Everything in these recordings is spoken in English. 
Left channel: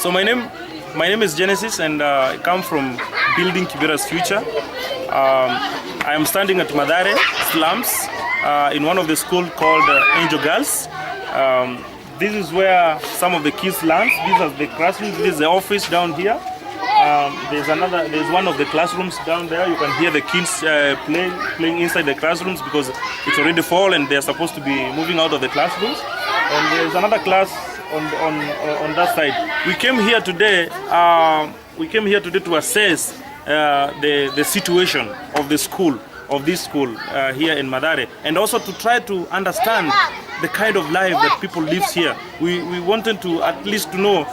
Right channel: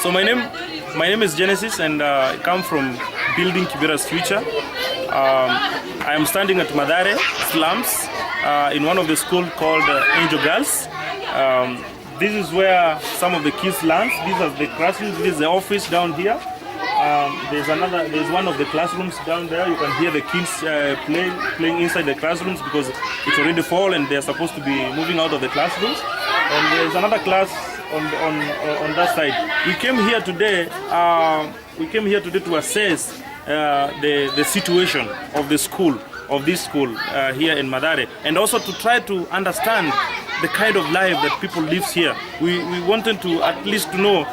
So my name is Genesis, and I come from Building Kibera's Future. I am standing at Mathare slums in one of the schools called Angel Girls. This is where some of the kids learn. These are the classrooms. This is the office down here. There's one of the classrooms down there. You can hear the kids playing inside the classrooms because it's already fall and they're supposed to be moving out of the classrooms. And there's another class on that side. We came here today. To assess the situation of this school here in Mathare, and also to try to understand the kind of life that people live here. We wanted to at least to know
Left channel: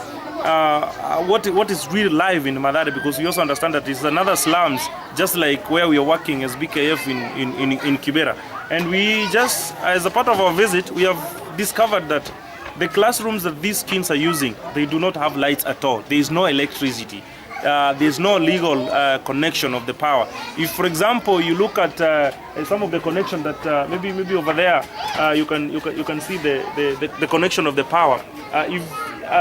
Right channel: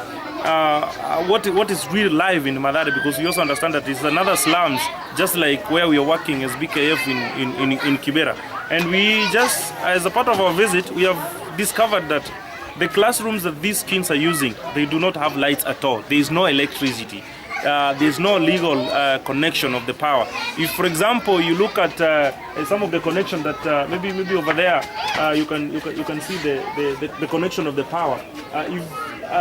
what is real life in Mathare, because we also understand that it's another slums, just like where we are working as BKF in Kibera. And we just, as a part of our visit, we have discovered that the classrooms that these kids are using, they do not have lights at all. There is no electricity. There's no legal connection of the power. If, for example, you look at some of the connection that maybe over there, you can see the connection of the power. If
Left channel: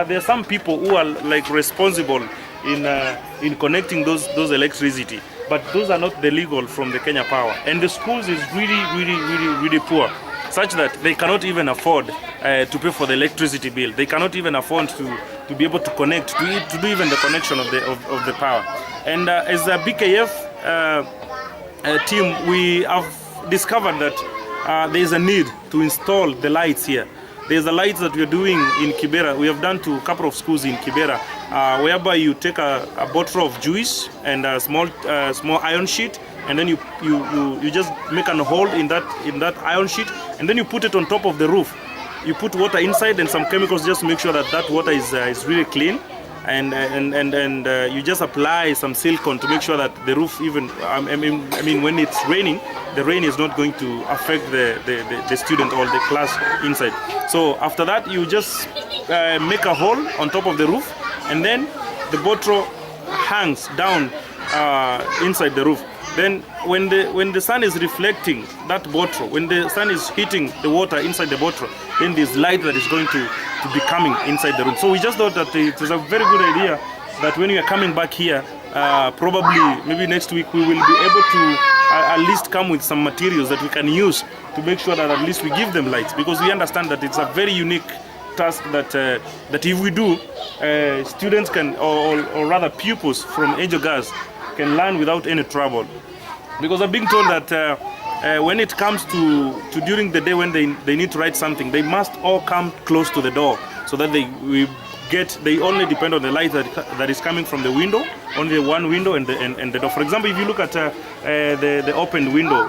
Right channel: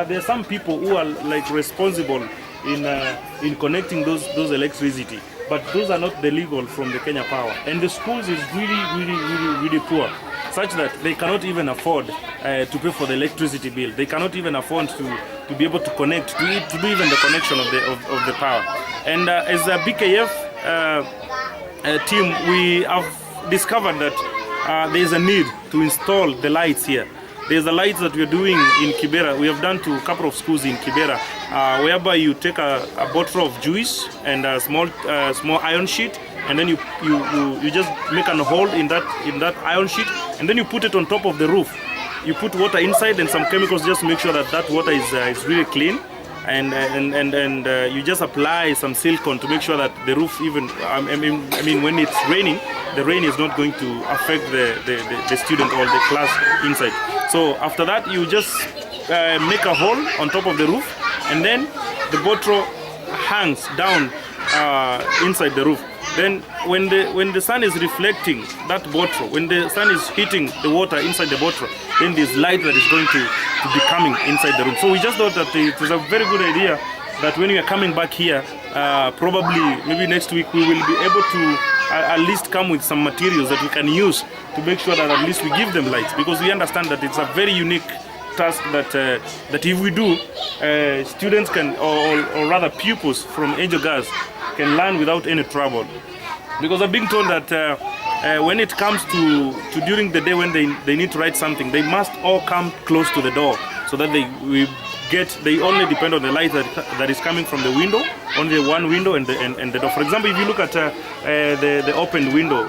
there are some people who are like responsible in connecting those electricity, but those are not the legal from the Kenya Power. And the schools is really poor, such that they cannot even afford to pay for the electricity bill. They cannot even afford to be able to connect, to do even the connection of the power. And as a BKF team, we have discovered that there is a need to install the lights here. There's the lights that we are doing in Kibera. We have done to a couple of schools in Kibera, whereby you take a bottle of juice and a small iron sheet, and then you just make a hole in that iron sheet, and then you put it on top of the roof. You put water inside and some chemicals just to make sure that water is really clean, and you just apply some silicone to make sure that the roof, even I mean when it's raining, the rain is not going to affect the student or the class inside. So after that, you just make a hole on top of the roof, and then the bottle hangs down inside the roof. Then when the sun is reflecting that bottle, when the sun is hitting the water inside the bottle, then there's light that is going to be coming inside the room. So we just thought that it is a very good idea that when we are coming back here, probably maybe next week, we will be able to at least come with some materials that we can use to make sure that at least we give them lights, because we understand that it's a very unique task that if we do, students can, or rather pupils from Angel Girls can learn without any trouble. Because I'm being told that when it comes to during the day when they need to write something, they must all come close to the door, so that they only depend on the light that is coming from the window, only one window and the door. For example, if you look at the open window,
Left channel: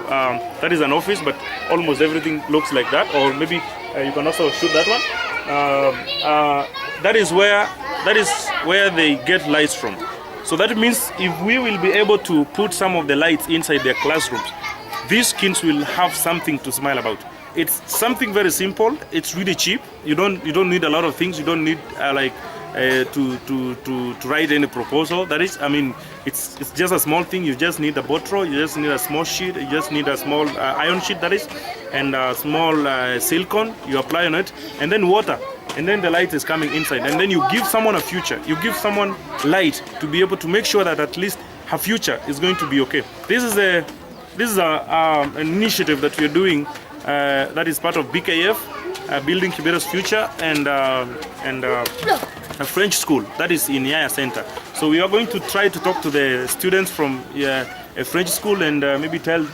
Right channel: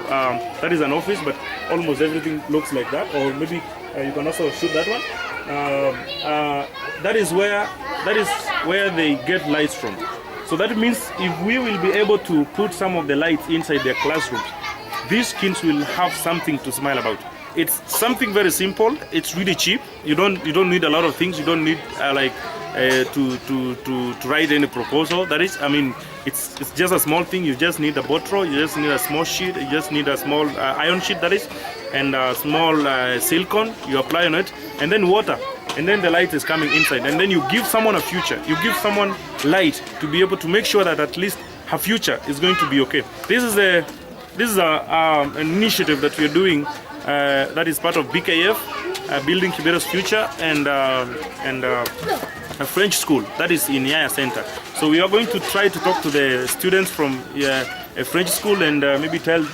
that is an office, but almost everything looks like that. Or maybe you can also shoot that one. That is where they get lights from. So that means if we will be able to put some of the lights inside their classrooms, these kids will have something to smile about. It's something very simple. It's really cheap. You don't need a lot of things. You don't need to write any proposal. That is, I mean, it's just a small thing. You just need a bottle. You just need a small sheet. You just need a small iron sheet, that is, and a small silicone. You apply on it, and then water. And then the light is coming inside, and then you give someone a future. You give someone light to be able to make sure that at least her future is going to be okay. This is an initiative that we are doing that is part of BKF, Building Kibera's Future, and a French school that is in Yaya Center. So we are going to try to talk to the students from a French school and maybe tell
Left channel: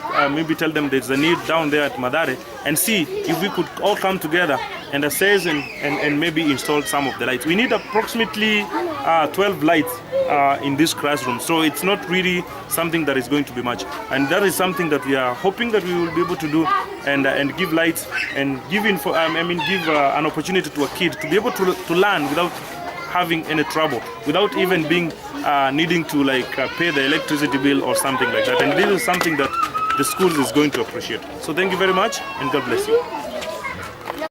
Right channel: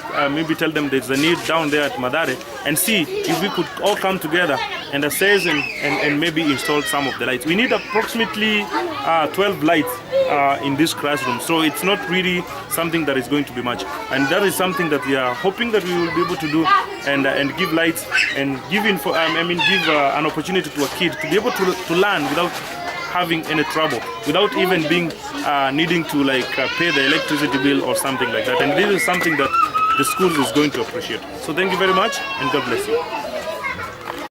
them there's a need down there at Mathare, and see if we could all come together and assess and maybe install some of the lights. We need approximately 12 lights in this classroom, so it's not really something that is going to be much, and that is something that we are hoping that we will be able to do, and give lights and give an opportunity to a kid to be able to learn without having any trouble, without even being needing to pay the electricity bill or something like that. And this is something that the schools is going to appreciate. So thank you very much, and God bless you.